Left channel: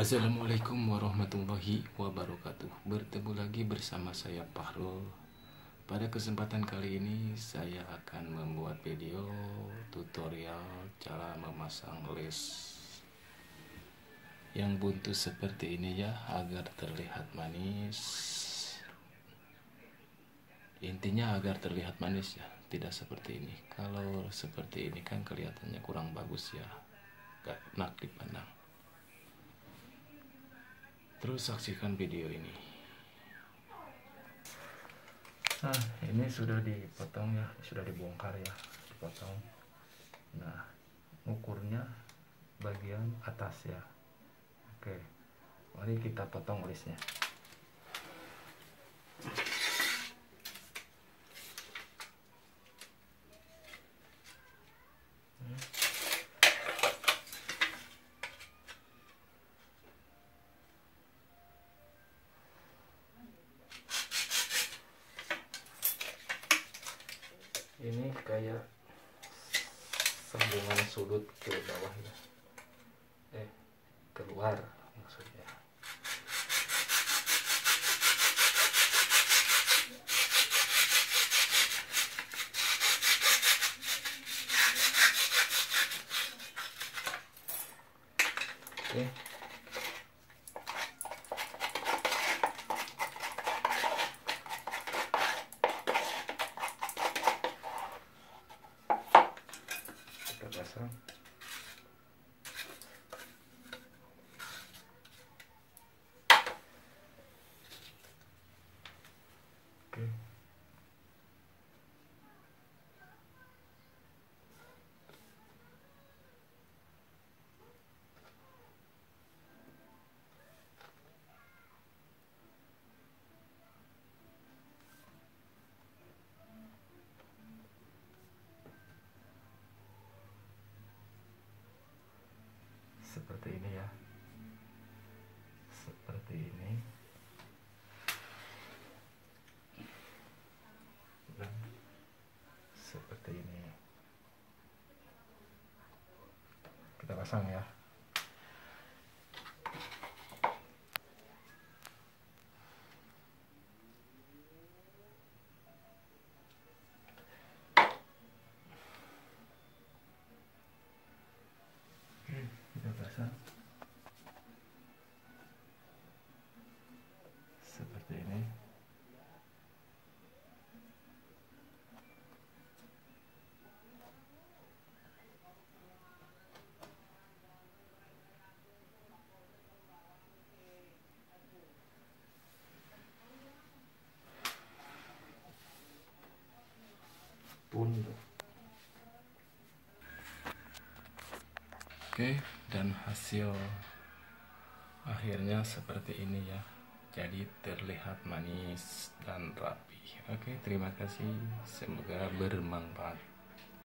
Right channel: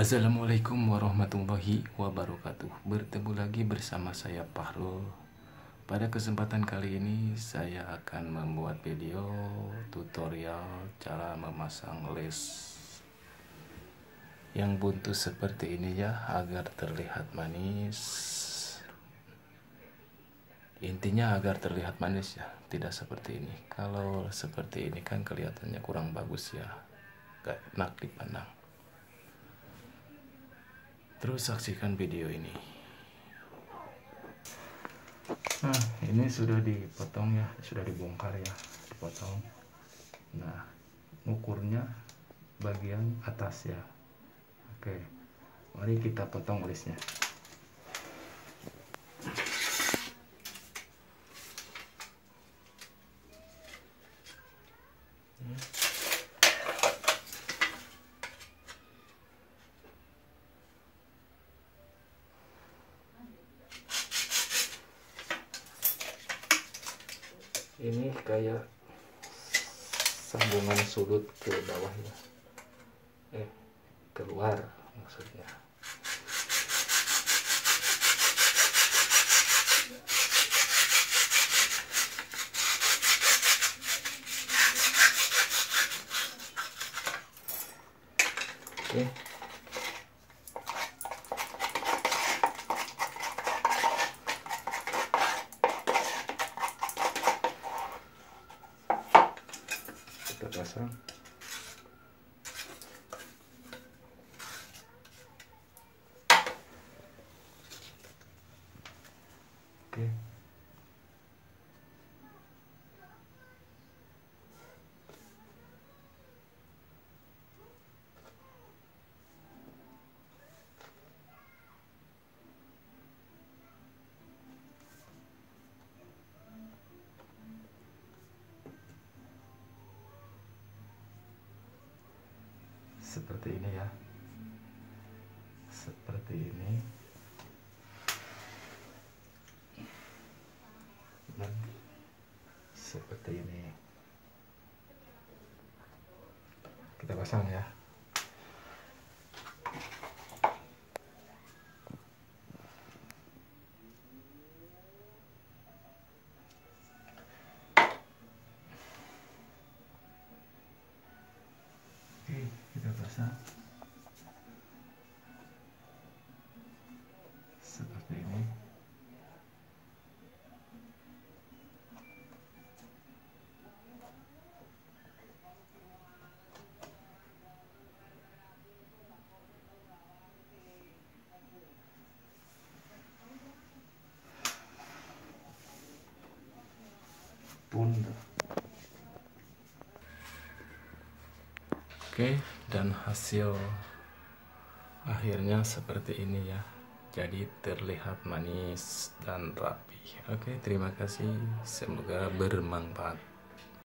Assalamualaikum warahmatullahi wabarakatuh. Bertemu lagi bersama saya Fahrul. Pada kesempatan kali ini saya akan membuat video tutorial cara memasang les yang buntu seperti ini ya, agar terlihat manis. Intinya agar terlihat manis ya, tidak seperti ini. Kalau seperti ini kan kelihatannya kurang bagus ya, gak enak dipandang. Terus saksikan video ini. Nah, ini sudah dipotong ya, sudah dibongkar ya, dipotong. Nah, ukurnya bagian atas ya. Oke, mari kita potong lesnya. Ini kayak sambungan sudut ke bawah ya, keluar maksudnya. Oke. Pasang. Oke. Seperti ini ya, seperti ini, dan seperti ini. Kita pasang ya. Kita pasang seperti ini. Oke, dan hasil akhirnya seperti ini ya. Jadi terlihat manis dan rapi. Oke, terima kasih. Semoga bermanfaat.